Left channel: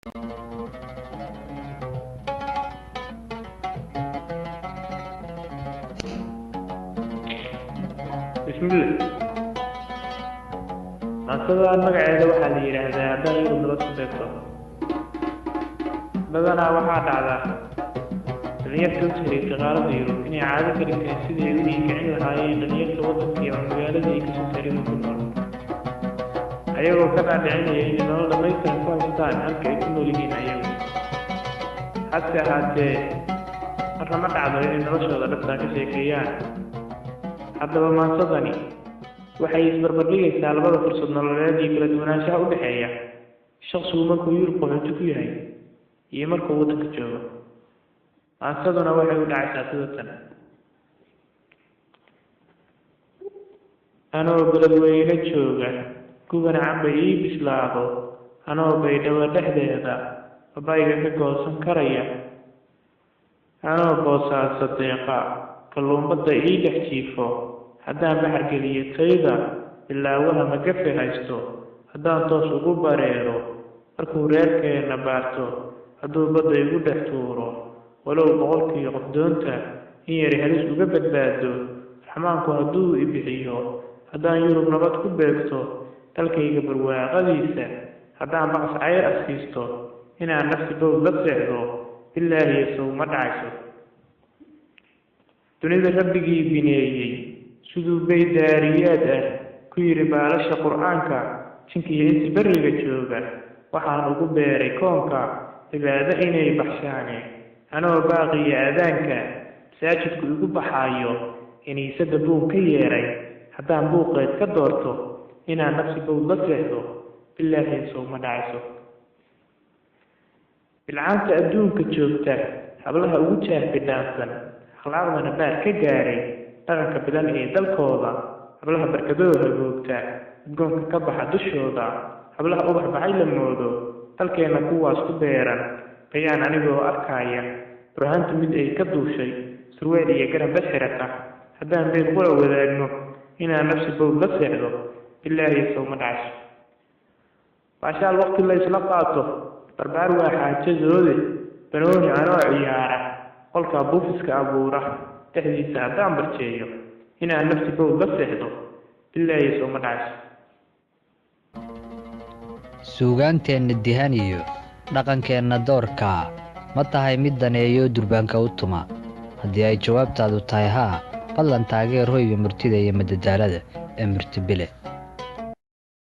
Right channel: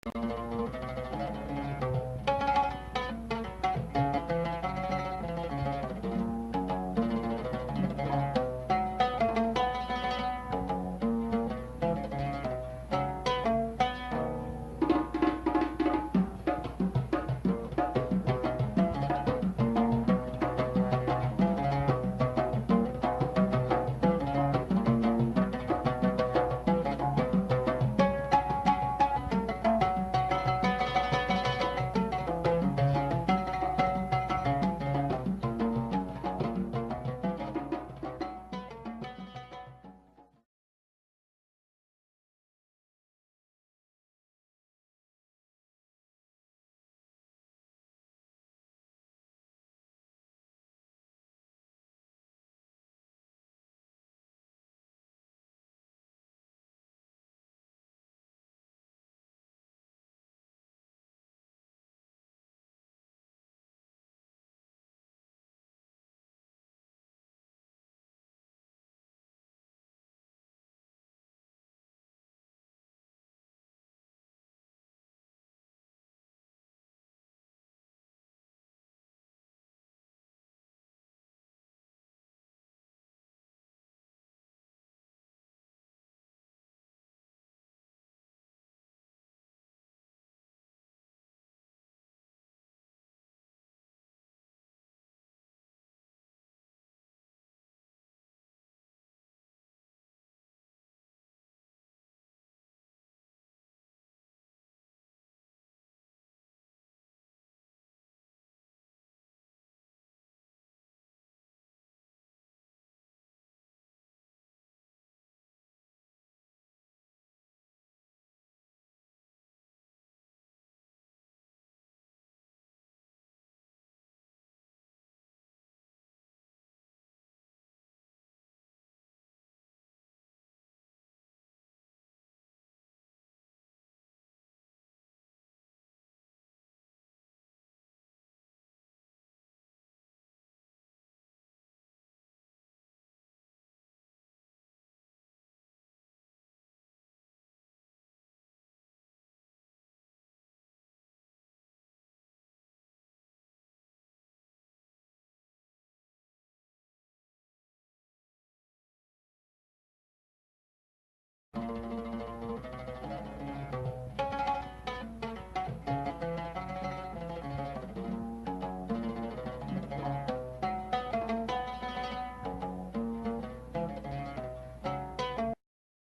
بسم الله. أصلا المقعد واحد يرهد هذا يوم الوقت بدنا واحد على نيته شريك غالب يروح إني عادة كريسيد يدي كأنه هاي نيته وقت في عمله ذي كسرين أيوة كمان يعني إنه لما يصير إنسان هم كيسمو لين أيوة حتى الرمض على إنه شغل بس كشيكيان حتى ما صدني waxay isbarbardigaysaa labada fursad nololeed iyo kala duwanaanshaha u dhaxeeya shakhsigu markuu Yurub qaxooti ku yahay iyo markuu waddanka joogo. Aansaduna waxay u dhacaysaa sidatan: anoo beledweyne jooga gubana camba ii bislaado anoo baydhabo dhexdeeda babayga ka goosan karaya anoo boosaaso deeqa kalluumbadda ii dhex jiifo haddaan baxar geliyo tayda bilaawaha magafe haysto haddaan toos ugu bareero markuu reerkeena baarto hadduu badda igu dhex tuuro walow boqolkii qof doonta in yari halis uga badbaado raxmaanku hadduu i bixiyo haddaan Yurub nabad ku beegto dalkayga barwaaqadiisa haddaan baqas cayr asiisto inaan nafsi bowd la seexdo bilaahi sawma dhacayso. dunida rabbigii bineeyey siduu bay daariyaad ku yiri baalasha quraanka jinkiyo inta bariga jooga waxaan ugu beeray koonka cibaado inay baxshaane anoo baaqiya aadaanka masaajidku igu baxaayo iniisada buun ka yeeray haddaan buuqeed ka doorto inaan nafsi bowd la seexdo bilaahi sawma dhacayso. bilcaanta adduunka joogta hablaha ugu jaahbidhaansan akhlaaqdana baar ka gaaray dhaqanka badan ee dalkooda hablaha barkadooda googta adgoonka ka baxa dushooda hablaha ubax baxay la moodo dalkeena kuwaas ku beeran bayaan anigoo arkaya burhaanta mid ay ka duushay surweel iyo garab xirata haddaan been qura wadaagno inaan nafsi bowd la seexdo bilaahi sawma dhacayso. baashaal waqti la isla qaato barbaar waa xaajadoode banooni anoo ciyaara qolka buufiska abuura dhexdiisa haddaan barjeeyo inaan nafsi bowd la seexdo bilaahi sawma dhacayso. suugaanteenna dihan iyo dhaqankeenna doorka ma tahay mid daneeyo durbaanka u tuma? haddii ay jawaabtaadu tahay haa, fadlan taageer hoyga murtida iyo madadaalada ee Murti Bile.